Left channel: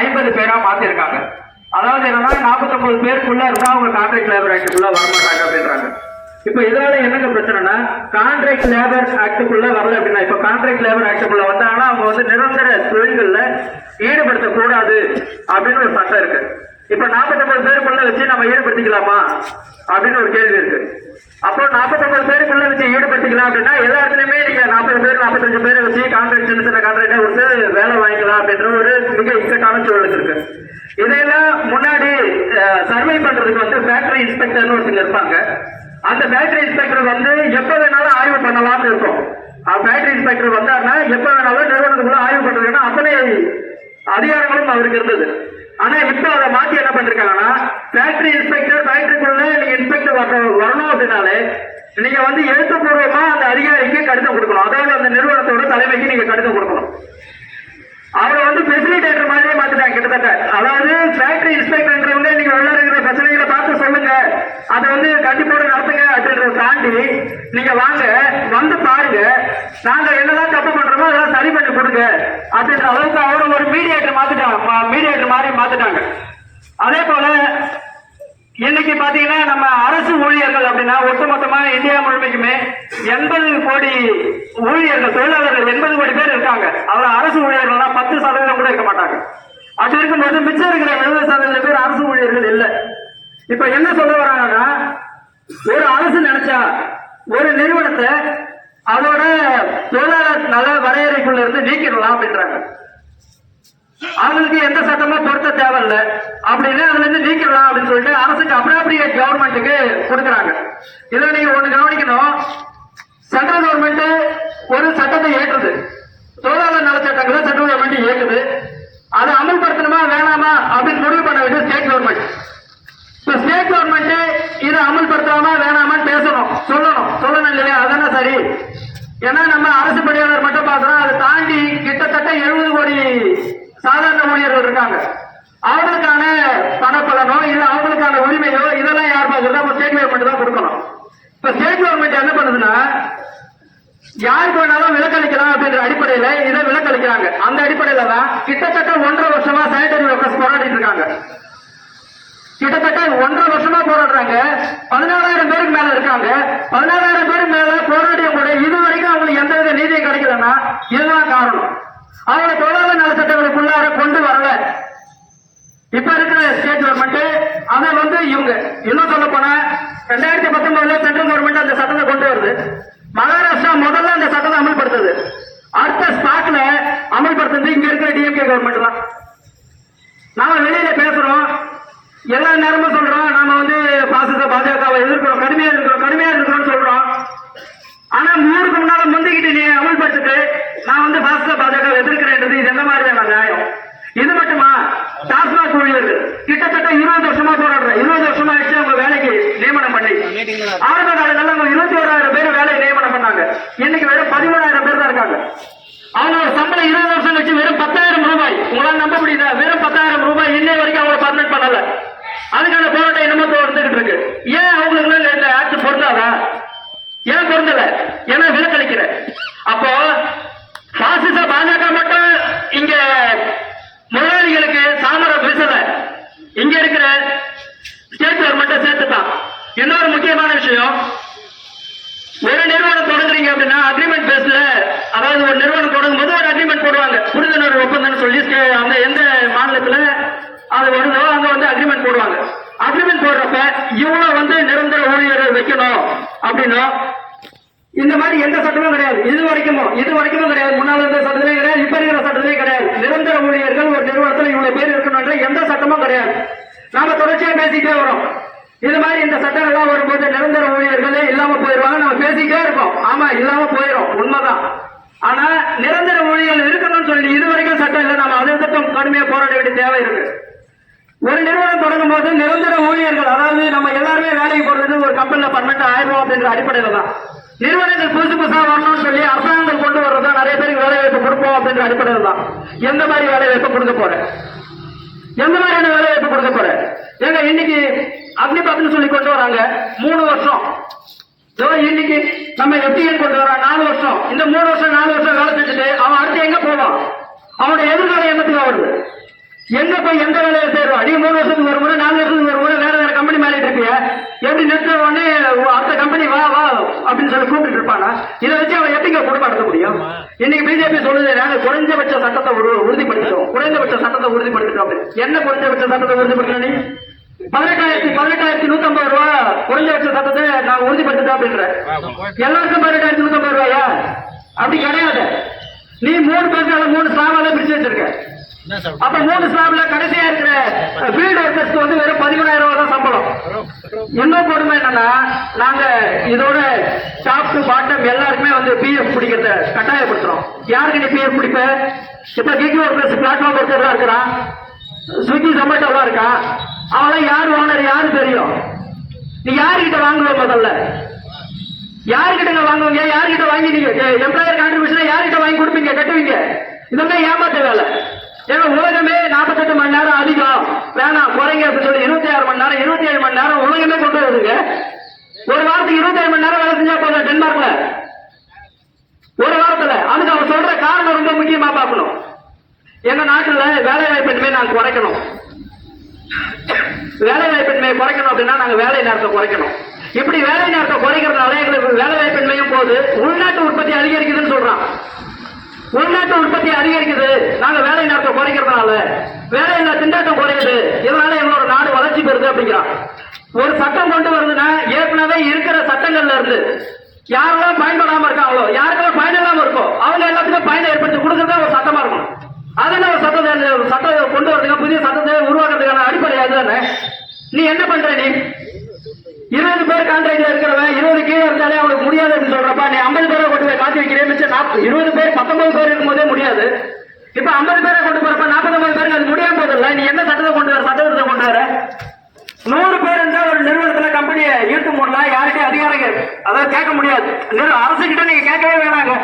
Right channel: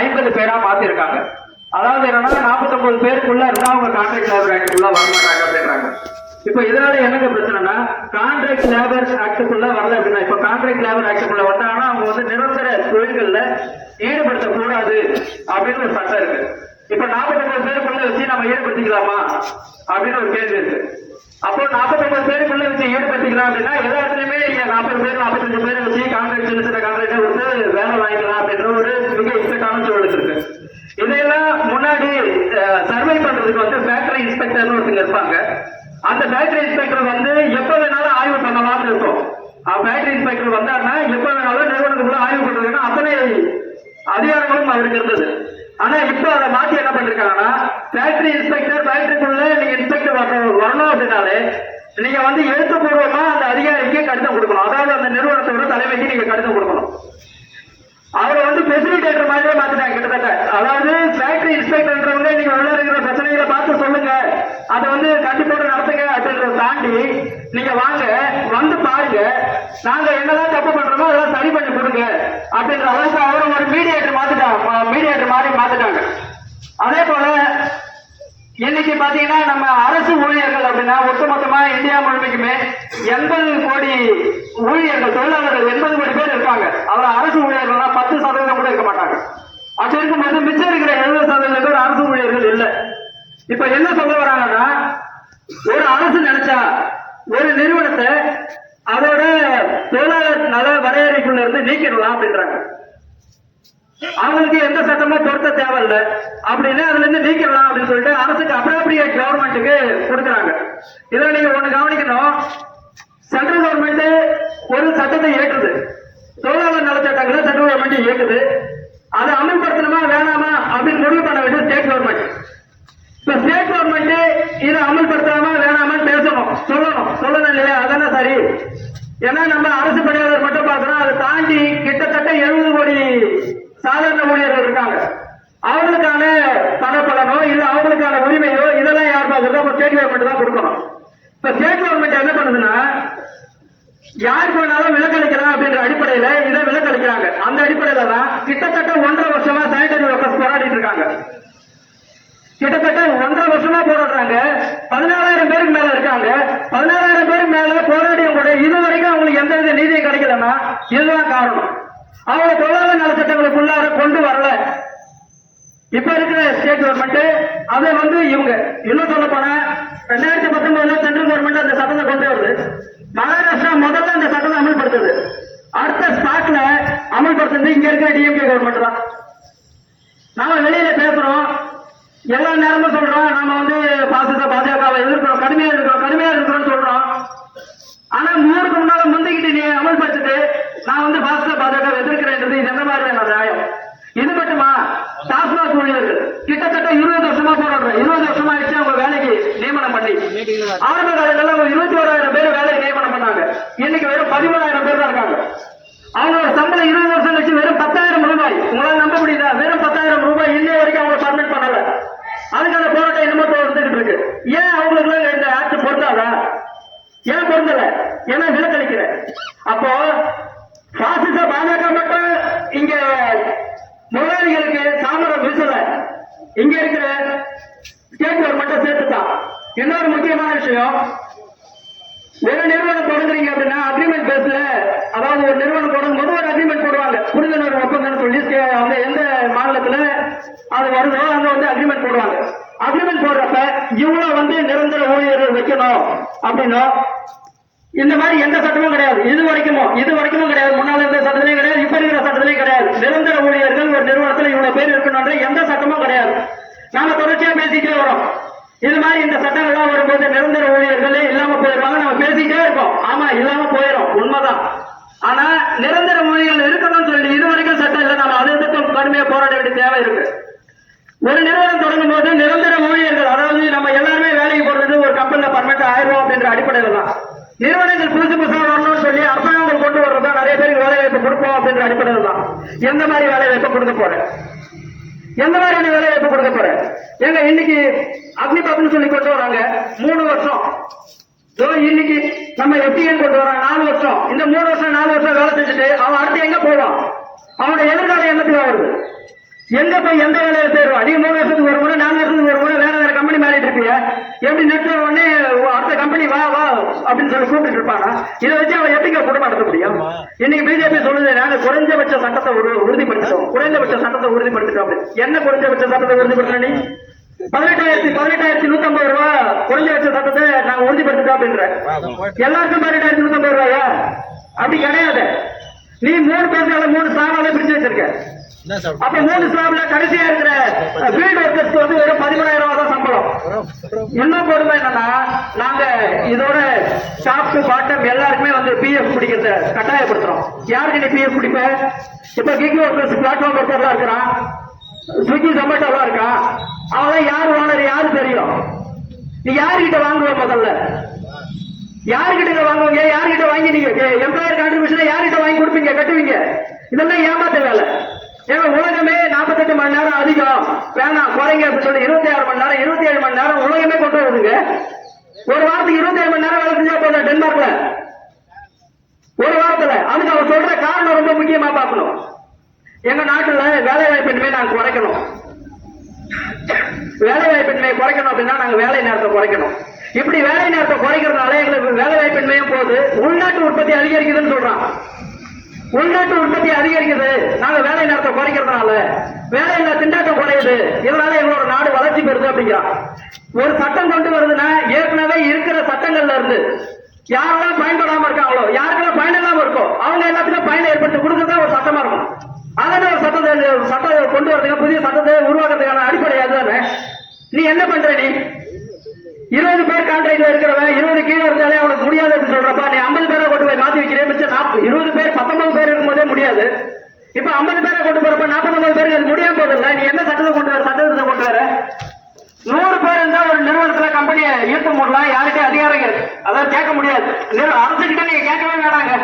ஐம்பது பேரா மாத்திருக்காங்க. அதாவது என்னன்னா நாற்பத்தொன்பது பேருக்குள்ள இருந்தா அவங்க கான்ட்ராக்ட் லேபர் ஆக்டுக்குள்ள வர மாட்டாங்க அப்படின்றாங்க. இப்போ இதனால என்னங்க பிரச்சனைனா கான்ட்ராக்ட் லேபர் ஆக்டுக்குள்ள வரல அப்படின்னா இப்போ கான்ட்ராக்ட் லேபர் ஆக்டுக்குள்ள வந்தாங்கன்னா அவங்க வந்து நிரந்தர தொழில்கள்ல ஈடுபடுத்தக்கூடாது அப்படின்னு ஒரு சட்டம் இருக்கு. இப்ப நாற்பத்தொன்பது பேருக்குள்ள வச்சு நம்ம ஈடுபடுத்திக்கலாமா? அப்படின்னு ஒரு கேள்வி இருக்கு. அப்போ நாற்பத்தொன்பது பேருக்குள்ள வச்சு ஈடுபடுத்திக்கலாம் அப்படின்னா எல்லா இடத்துலயுமே நீங்க நாற்பது பேர் நாற்பத்தஞ்சு பேரை வச்சு கான்ட்ராக்ட் சின்ன சின்ன கான்ட்ராக்டை கொடுத்து வேலை வாங்கிக்கலாம் அப்படின்ற ஒரு மிக இக்கட்டான சூழல் இருக்கு. இதையெல்லாம் முன்னாடி சர்வே பண்றதுக்கு வந்து ஃபேக்டரி இன்ஸ்பெக்டர்னு ஒருத்தங்க இருப்பாங்க. அந்த ஃபேக்டரி இன்ஸ்பெக்டர் வந்து எப்ப வேணாலும் ஆய்வு பண்ணலாம்னு இருக்கும். ஃபேக்டரி இன்ஸ்பெக்டர் வந்தாருன்னா எப்ப வேணாலும் நிறுவனத்துக்குள்ள ஆய்வு பண்றதுன்னா அத்தனை அதிகாரங்களும் அவருக்கு இருந்தது. ஆனா இப்போ அதை மாத்தி என்ன பண்ணிருக்காங்கன்னா ஃபேக்டரி இன்ஸ்பெக்டர் ஃபேக்டரிக்குள்ள நீங்க இன்ஸ்பெக்டர் வரணும் அப்படின்னாலே நீங்க வந்து எழுத்துப்பூர்வமா அந்த அதிகாரிக்கு கடிதம் கொடுக்கணும். அதாவது அந்த நிறுவனத்தோட தலைமைக்கு நீங்க கடிதம் கொடுக்கணும். அவரை வந்து ஃபெசிலிட்டேட்டர் மாதிரியே மாத்திட்டாங்க கிட்டத்தட்ட. அதாவது ஃபேக்டரி இன்ஸ்பெக்டர்ன்றவங்க நீங்க உள்ள இருக்கிற பிரச்சனைகளை பார்த்து சொல்லுங்க. அதை வந்து கண்டிப்போட நடத்துங்க அப்படின்றத தாண்டி நீங்க வாங்க வந்து பாருங்க. நாங்க என்னதான் அப்படின்ற அளவுக்கு அவரும் ஒரு மீடியேட்டர் மாத்திட்டாங்க மீடியேட்டர் மாதிரி மாத்திட்டாங்க. அதே போல இன்னைக்கு பாத்தீங்கன்னா நம்ம அரசு ஊழியர்கள் அப்படின்னா ஒட்டுமொத்தமா இந்தியா முழுமைக்குமே எண்பது கோடி ஊழியர்கள் தொழிலாளர்கள் எண்பது கோடி பேர் இருக்காங்க. அவர் அரசு ஊழியர்கள்னா பத்து சதவீதம் கூட இருக்க மாட்டாங்க. அப்படி இருக்கும்போது மிச்சம் இருக்கிற எழுபது சதவீதம் பேர் அரசு ஊழியர்கள் இல்லை. இப்ப என்ன சொல்ல வராங்கன்னா ஒரு அரசு நினைச்சா ஒரு நிறுவனத்தை அதோட தொழிலாளர் நல வரையறைக்குள்ள அப்படின்றாங்க. அவங்களுக்கு எந்த சட்டமும் பொருத்த தேவையில்லை. அப்படின்னு அதுல இருந்து நீக்கிடலாம் அப்படின்னு சொல்லிட்டு அரசுக்கு அப்ராப்ரியேட் கவர்மெண்ட்டுக்கு கொடுக்குறாங்க. இதுல நீங்க ஒண்ணு கவனிக்கணும். சென்ட்ரல் கவர்மெண்ட் ஒரு சட்டத்தை ஏற்றுது தொழிலாளர் நலச்சட்டங்களை சென்ட்ரல் கவர்மெண்ட் இயக்குது. அதை அமல்படுத்தணுமா வேணாமா அப்படின்னு முடிவு பண்ண வேண்டியது ஸ்டேட் கவர்மெண்ட் இப்ப ஸ்டேட் கவர்மெண்ட் இதை அமல்படுத்தலாமா வேணாமான்னு பேசணும். சொல்லணும். சொல்லணும் இல்லையா? அதானே சரி. ஏன்னா நம்ம அரசு பணியாளர் மட்டும் பார்க்கிறோம். அதை தாண்டி கிட்டத்தட்ட எழுபது கோடி சாதாரண ஊழியர்கள் இருக்காங்க. அவங்களுக்கான பணப்பலனோ இல்ல அவங்களுக்கான உரிமையோ இதெல்லாம் யார் பார்க்கறது நம்ம ஸ்டேட் கவர்மெண்ட் தான் கொடுக்கணும். இப்ப ஸ்டேட் கவர்மெண்ட் என்ன பண்ணுதுன்னா யாருக்கு வேணாலும் விலக்களிக்கலாம் அப்படின்ற அடிப்படையில இதை விலக்களிக்கிறாங்க. அந்த அடிப்படையில தான் கிட்டத்தட்ட ஒன்றரை வருஷமா சானிடரி ஒர்க்கர்ஸ் போராடிட்டு இருக்காங்க. கிட்டத்தட்ட ஒன்றரை வருஷமா போராடுறாங்க. பதினாலாயிரம் பேருக்கு மேல இருக்காங்க. பதினாலாயிரம் பேருக்கு மேல போராடியும் கூட இது வரைக்கும் அவங்களுக்கு எந்த வித நீதியும் கிடைக்கலன்னா இதுதான் காரணம். அவங்க தொழிலாளர் நலச்சட்டங்களுக்குள்ளார கொண்டு வரல. இப்ப இருக்கிற ஸ்டேட் கவர்மெண்ட் அதை வந்து இவங்க இன்னும் சொல்ல போனா ரெண்டாயிரத்தி பத்தொன்பதுல சென்ட்ரல் கவர்மெண்ட் அந்த சட்டத்தை கொண்டு வருது மகாராஷ்டிரா முதல்ல அந்த சட்டத்தை அமல்படுத்துது அடுத்த ஸ்பாட்ல அமல்படுத்துறது இங்க இருக்கிற டிஎம்கே கவர்மெண்ட் தான் நாம வெளியில பேசுறோம் எல்லா நேரமும் சொல்றோம் நாம வந்து பாசிச பாஜகவை எதிர்க்கிறோம் கடுமையா இருக்கிறோம் கடுமையா இருக்கிறோம்னு சொல்றோம் ஆனா மூணுக்கு முன்னால முந்திக்கிட்டு நீ அமல்படுத்திட்டு நான் வந்து பாசிச பாஜக எதிர்க்கிறேன்றது இது என்ன மாதிரியான நியாயம் இது மட்டுமா டாஸ்மாக் ஊழியர்கள் கிட்டத்தட்ட இருபது வருஷமா போராடுறேன் இருபது வருஷமா ஆயிடுச்சு அவங்க வேலைக்கு நியமனம் பண்ணி ஆரம்ப காலத்துல இருபத்தி ஓராயிரம் பேர் வேலை நியமனம் பண்ணாங்க. இன்னைக்கு வெறும் பதிமூணாயிரம் பேர் தான் இருக்காங்க. அவங்களோட சம்பளம் இருபது வருஷம் வச்சு வெறும் பத்தாயிரம் ரூபாய். உங்களால நம்ப முடியுதா? வெறும் பத்தாயிரம் ரூபாய். இன்னைய வரைக்கும் அவங்க பர்மனெண்ட் பண்ணல. அதுக்கான போராட்டம் என்னமோ தொடர்ந்துகிட்டு இருக்கு. ஏன் அவங்களுக்கு இந்த ஆட்சி பொருந்தாதா? ஏன் பொருந்தல? ஏன்னா விலக்களிக்கிற. அப்போ பாசிச பாஜக மட்டும் இங்க முதலாளிகளுக்கு சாமரம் வீசல. இங்க இருக்கிற ஸ்டேட் கவர்மெண்ட்டை சேர்த்துட்டான். இன்னொரு முக்கியமான விஷயம்? ஒரு நிறுவனம் தொடங்குறீங்க அப்படின்னா அக்ரிமெண்ட் பேஸ்ல அதாவது ஒரு நிறுவனம் தொடங்கும் போது ஒரு அக்ரிமெண்ட் போடுவாங்க. புரிந்துணர்வு ஒப்பந்தம் சொல்லி அந்த எந்த மாநிலத்துல அது வருதோ அங்க வந்து அக்ரிமெண்ட் போடுவாங்க. அக்ரிமெண்ட் போடுறப்ப இவ்வளவு வந்து நிரந்தர ஊழியர்கள் வைக்கணும் அப்படின்னும் இந்த மாதிரி எந்த சட்டமும் கிடையாது. இது வரைக்கும் இது வரைக்கும் கிடையாது. முன்னால இருந்த சட்டத்திலையும் கிடையாது இப்ப இருக்கிற சட்டத்திலையும் கிடையாது. நிரந்தர ஊழியர்கள் ஒரு நிறுவனத்துல இவ்வளவு பேர் இருக்கணும்ன்ற எந்த சட்டமும் கிடையாது. நாங்க தொடர்ச்சியா பேசிட்டே வரோம். இது மாதிரி இந்த சட்டங்கள்லாம் வரும்போது நிரந்தர ஊழியர்களே இல்லாம போயிருவாங்க. நம்ம பேசிக்கிட்டே இருப்போம் ஆமா இல்லாம போயிடும் உண்மைதான். ஆனா நிரந்தர ஊழியர்கள் இருக்கணும்னு சொல்லி இது வரைக்கும் சட்டம் இல்லை. நம்ம அதற்கும் கடுமையா போராட வேண்டிய தேவை இருக்கு ஒரு நிறுவனம் தொடங்கும் போது நிரந்தர ஊழியர்கள் அதாவது நம்ம எல்லாருமே வேலைக்கு போறது ஒரு கம்பெனில பர்மனெண்ட் ஆயிரம் அப்படின்ற அடிப்படையில் தான். நிறுவனங்கள் புதுசு புதுசா வரணும்னு சொல்லி அரசாங்கங்கள் கொண்டு வர்றதா நிறைய பேருக்கு வேலை வாய்ப்பு கொடுப்போம் அப்படின்ற அடிப்படையில் தான். எந்த மாதிரி வேலை வாய்ப்பு கொடுக்க போறேன்? எந்த மாதிரியான வேலை வாய்ப்பு கொடுக்க போறேன் ஏங்க இன்னைக்கு அக்னிபத்னு சொல்லி கொண்டு வராங்க. மூணு வருஷம். இன்னைக்கு நம்ம எஃப்டிஎன் கொண்டு வரான். நாலு வருஷம். இந்த மூணு வருஷம் நாலு வருஷம் வேலை செஞ்சுட்டு அவன் அடுத்து எங்க போவான்? அவனோட எதிர்கால என்னத்துக்கு வருது? எங்க போய் எந்த வேலையில சேருவான் நீ மூணு வருஷத்துக்கு ஒரு முறை நாலு வருஷத்துக்கு ஒரு முறை வேற வேற கம்பெனி மாறிட்டு இருப்பிய எப்படி நிறுத்த உடனே அடுத்த கம்பெனி வா வா அப்படின்னு சொல்லி கூப்பிட்டு இருப்பானா? இதை வச்சு அவன் எப்படிங்க குடும்பம் நடத்த முடியும் இன்னைக்கு பிஜேபி சொல்லுது நாங்க குறைஞ்சபட்ச சட்டத்தை உறுதிப்படுத்திட்டோம். குறைந்தபட்ச சட்டத்தை உறுதிப்படுத்திட்டோம். என்ன குறைஞ்சபட்ச சட்டத்தை உறுதிப்படுத்தின பதினெட்டாயிரத்தி பதினெட்டாயிரத்தி நூத்தி ஐம்பது ரூபா குறைஞ்சபட்ச சட்டத்தை நான் உறுதிப்படுத்திட்டோம் அப்படின்ற. எல்லாருக்கும் பதினெட்டாயிரத்தி நூத்தி ஐம்பது ரூபாயா? அப்படி கிடையாது. நீ மூணு பேர்னால மூணு ஸ்லாமால பிரிச்சு வச்சிருக்க. அப்ப மூணு ஸ்லாப்ல கடைசியா இருக்கிற ஃபீல்டு ஒர்க்கர்ஸ்க்கு வந்து வெறும் பதிமூணாயிரம் ரூபாய் தான் சம்பளம். இன்னும் கொடுமை என்னன்னா நாங்க இதோட டாப் டு பாட்டம் எல்லாருக்குமே வந்து பிஎஃப் பிடிக்கிறத கட்டாயப்படுத்துறோம். யாருக்கு நீ பிஎஃப் பிடிப்ப? இப்ப கிக் ஒர்க்கர்ஸ் பிளாட்ஃபார்ம் ஒர்க்கர் இருக்கிறான் ஸ்விக்கி ஜொமேட்டோலாம் இருக்கான் அவெல்லாம் யார் ஓனர் யாரு தெரியும்? நீ யாருகிட்ட வாங்குவ முதல்ல? யாருகிட்ட வாங்குவீங்க? யாருகிட்ட வாங்கி நீங்க எம்ப்ளாயர் கான்ட்ரிபியூஷன் யார்கிட்ட வாங்கி கொடுப்பீங்க? கட்டுவீங்க? இதெல்லாம் ஏமாத்த வேலை. ஏன்னா உலகமே நாற்பத்தெட்டு மணி நேரம் அதிகம். வேணாம் குறைங்க சொல்லி இருபத்தி ஆறு மணி நேரம் இருபத்தி ஏழு மணி நேரம் உலகமே கொண்டு வருதுங்க. ஒரு வாரத்துக்கு இருபத்தி ஏழு மணி நேரம் வேலை செஞ்சா போதும் டென்மார்க்ல. ஒரு வாரத்துல. அதுக்கு அவர் சொல்ற காரணம் ரொம்ப முக்கியமா பார்க்கணும். எங்க நாட்டுல வேலை வாய்ப்பின்மை நாங்க குறைக்கணும். வேலை வாய்ப்பின்மையை குறைக்கணும் அப்படின்னா நாங்க வேலை நேரத்தை குறைக்கணும். இப்படி வேலை நேரத்தை குறைக்கிறதுனால எங்களுக்கு வேலை வாய்ப்பின்மையும் போது உள்நாட்டு உற்பத்தி அதிகரிக்குதுன்னு சொல்றான். உள்நாட்டு உற்பத்தி அதிகரிக்குது. நாங்க வேலை நேரத்தை குறைக்கிறதுனால. வேலை இல்ல திண்டாட்டம் குறையுது. இதனால எங்களோட நாடு வளர்ச்சி பெறுது அப்படிங்கிறான் ஒரு சட்டம் கொண்டு வருதுன்னா ஏற்கனவே இருக்கிற சட்டங்கள்ல இருந்து யாரெல்லாம் பயன்படாம இருக்காங்களோ யாருக்கெல்லாம் பயன் இல்லாம இருக்கோ அவங்க எல்லாத்துக்கும் பயனை ஏற்படுத்தி கொடுக்கறதா ஒரு சட்டமா இருக்கும் அதானே ஒரு சட்டத்தை ஒரு சட்டத்தை கொண்டு வரதுக்கு புதிய சட்டத்தை உருவாக்குறதுக்கான அடிப்படை அதுதானே நீ என்ன பண்ற நீ? இருபது பேர் கான்ட்ராக்ட்ல இருக்கிறவன் இருபது கீழே இருந்தாலே அவனுக்கு முடியாது அப்படின்னு சொல்றப்ப நீ ஐம்பது பேரை கொண்டு போய் மாத்தி வைக்கிறேன் மிச்சம் நாற்பது இருபது பேர் பத்தொன்பது பேர் இருக்கும்போதே முடியாது. இப்ப ஐம்பது பேரை கொண்டு போறப்ப நாற்பத்தொன்பது பேருக்கு அது முடியாம போதில்ல நீ என்ன சட்டத்தை கொண்டு வர சட்டத்தை கொண்டு வர? நூறு பேர் இருந்தா ஒரு நிறுவனத்துல கம்பெனியை ஈர்த்து மூடலாம் யாருக்கே அதிகாரம் அதாவது கேட்க முடியாது. அரசு கிட்ட நீங்க கேட்கவே வேணாங்க.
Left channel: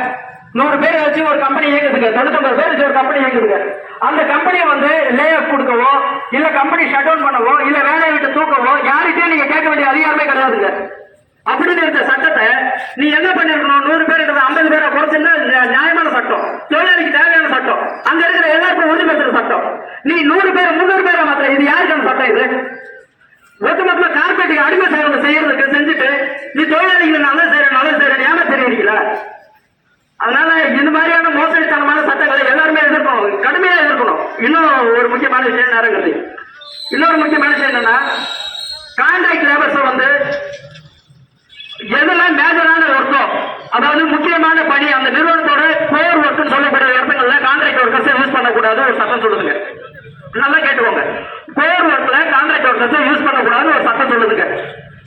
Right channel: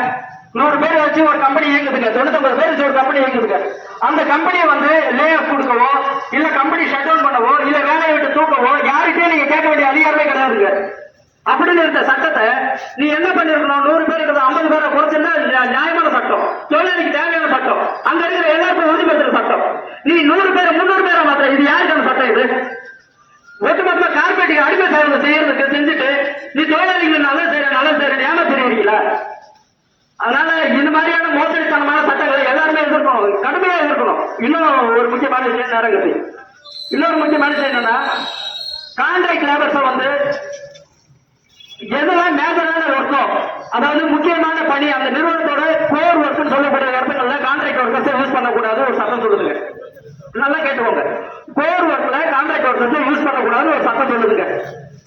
நூறு பேரை வச்சு ஒரு கம்பெனி இயங்குதுங்க. தொண்ணூத்தொன்பது பேர் வச்சு ஒரு கம்பெனி இயங்குதுங்க. அந்த கம்பெனியை வந்து லே ஆஃப் கொடுக்கவோ இல்ல கம்பெனி ஷட் டவுன் பண்ணவோ இல்ல வேலையை விட்டு தூக்கவோ யாருக்கே நீங்க கேட்க வேண்டிய அதிகாரமே கிடையாதுங்க. அப்படின்னு இருந்த சட்டத்தை நீ என்ன பண்ணிருக்கணும்? நூறு பேர் இருக்கிற ஐம்பது பேரை குறைச்சிருந்தா நியாயமான சட்டம். தொழிலாளிக்கு தேவையான சட்டம். அங்க இருக்கிற எல்லாருக்கும் உறுதி பெற்ற சட்டம். நீ நூறு பேர் முன்னூறு பேரை மாத்திர இது யாருக்கான சட்டம் இது? ஒட்டுமொத்தமா கார்பரேட்டுக்கு அடிமை சாதனை செய்யறதுக்கு செஞ்சுட்டு நீ தொழிலாளிக்கு நல்ல செய்யற நல்ல செய்யற ஏமாத்திருவீங்களா அதனால இந்த மாதிரியான மோசடித்தனமான சட்டங்களை எல்லாருமே எதிர்க்கணும். கடுமையா எதிர்க்கணும். இன்னும் ஒரு முக்கியமான விஷயம் நேரம் கட்டி இன்னொரு முக்கியமான விஷயம் என்னன்னா கான்ட்ராக்ட் லேபர்ஸை வந்து எதெல்லாம் மேஜரான ஒர்க்கோ அதாவது முக்கியமான பணி அந்த நிறுவனத்தோட கோர் ஒர்க்குன்னு சொல்லக்கூடிய இடத்துங்கள்ல கான்ட்ராக்ட் ஒர்க்கர்ஸ் யூஸ் பண்ணக்கூடாது ஒரு சட்டம் சொல்லுதுங்க. நல்லா கேட்டுக்கோங்க. கோர் ஒர்க்ல கான்ட்ராக்ட் ஒர்க்கர்ஸ் யூஸ் பண்ணக்கூடாது ஒரு சட்டம் சொல்லுதுங்க.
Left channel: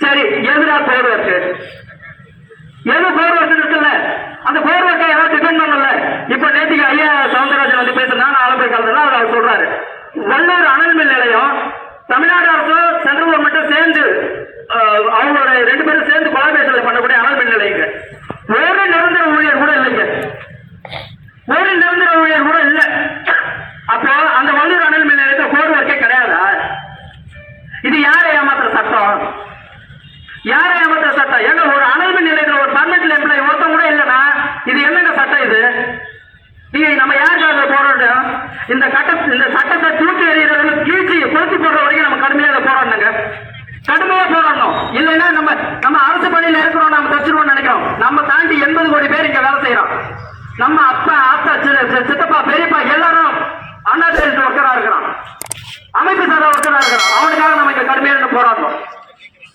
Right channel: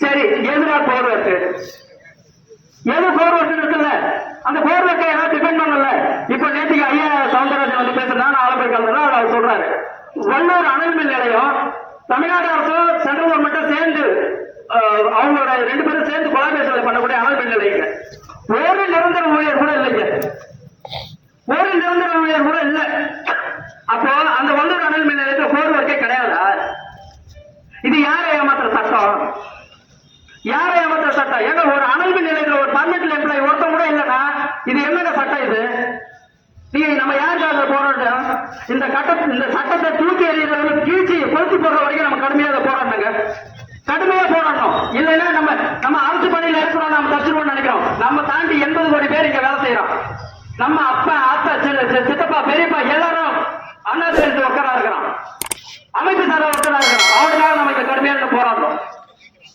சரி எதுனா கோர் ஒர்க் எது கோர் ஒர்க் இருக்குல்ல? அந்த கோர் ஒர்க்கை ஏதாவது டிபெண்ட் பண்ணல. இப்ப நேற்றுக்கு ஐயா சவுந்தரராஜன் வந்து பேசுறாங்க நான் போய் அவர் சொல்றாரு. வல்லூர் அனல் மின் நிலையம் தமிழ்நாடு அரசும் சென்ட்ரல் கவர்மெண்ட்டும் சேர்ந்து அவங்களோட ரெண்டு பேரும் சேர்ந்து கொலாபரேஷன்ல பண்ணக்கூடிய அனல் மின் நிலையங்க ஒரு நிரந்தர ஊழியர் கூட இல்லைங்க. ஒரு நிரந்தர ஊழியர் கூட இல்ல. அப்போ அந்த வல்லூர் அனல் மின் நிலையத்தை கோர் ஒர்க்கே கிடையாதா? இது யாரை ஏமாத்துற சட்டம்? யாரை ஏமாத்துற சட்டம்? ஏங்க ஒரு அனல் மின் நிலையத்தில் ஒரு பர்மனெண்ட் எம்ப்ளாயி ஒருத்தன் இது என்னங்க சட்டம் இது? நீங்க நம்ம யாருக்காக போராட்டம் இந்த கட்ட இந்த சட்டத்தை தூக்கி எறிகிறது கீழ்ச்சி கொளுத்தி போடுற வரைக்கும் நம்ம கடுமையாக போராடணுங்க. கடுமையாக போராடணும். இல்லைன்னா நம்ம நம்ம அரசு பணியில் இருக்கிறோம் நம்ம தச்சுருவோம் நினைக்கிறோம். நம்ம தாண்டி எண்பது கோடி பேர் இங்க வேலை செய்யறோம். நம்ம அப்பா அத்தா சித்தப்பா பெரியப்பா எல்லாரும் அண்ணா சேர்ந்து ஒர்க்கரா இருக்கிறான். அமைப்பு சாரா ஒர்க்கரா இருக்கிறான். அவனுக்காக நம்ம இங்க கடுமையா இருந்து போராடுறோம்.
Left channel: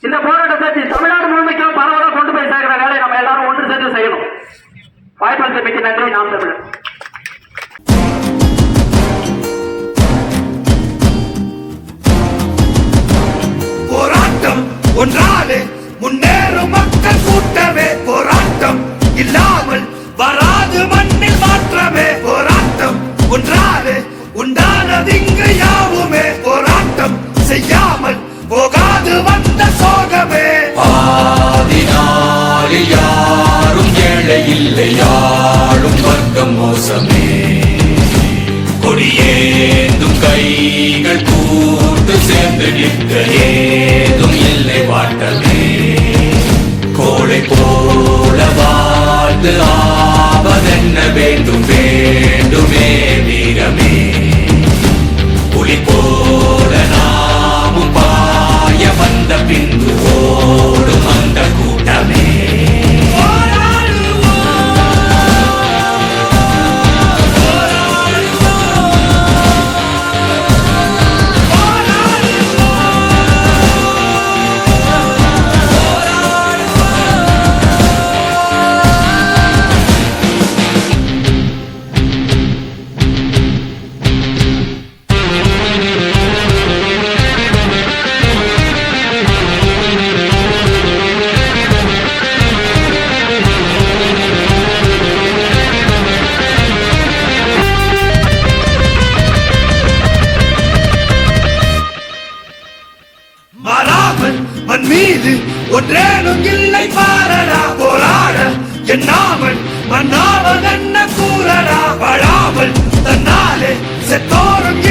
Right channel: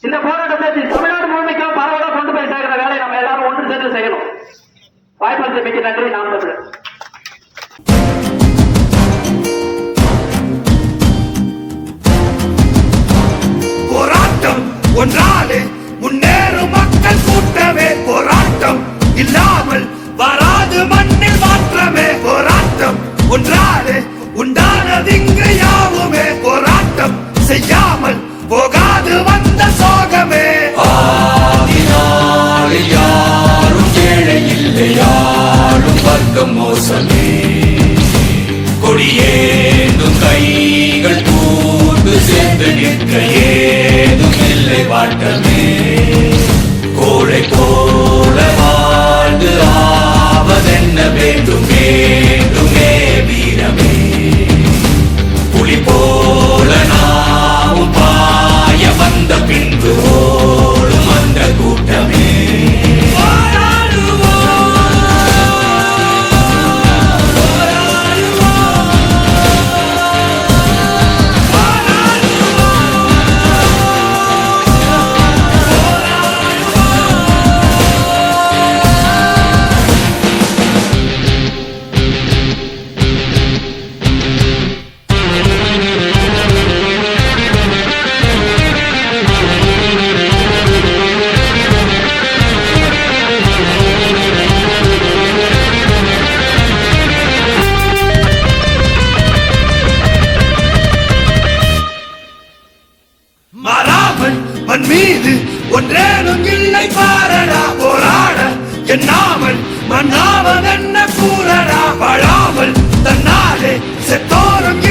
இந்த போராட்டத்தை தமிழ்நாடு முழுமைக்கும் பரவலாக கொண்டு போய் சேர்க்கிற வேலையை நம்ம எல்லாரும் ஒன்று சேர்ந்து செய்யணும். வாய்ப்பு மிக்க நன்றி. நாம் தமிழர். போராட்டம் ஒன்றாலே முன்னேறும் மக்கள் கூட்டமே. போராட்டம் இல்லாமல் வராது மண்ணில் மாற்றமே. போராட்டம் ஒன்றாலே உண்டானது இங்கு யாவுமே. போராட்டம் செய்யாமல் நிற்க ஏதும் இல்லை வாட்டமே கோழை போல வாழ்ந்து ஆவதென்ன வேண்டும் வேண்டுமே வீரமே புலி போல நாமும் பாய வந்த பின்பு ஓடும். மீது ஒன்றேனும் இல்லை பாரடா போராட. எண்ணாமல் மன்னாவதென்ன கூறடா வாழாமல் தன்னாலே செத்தோறும்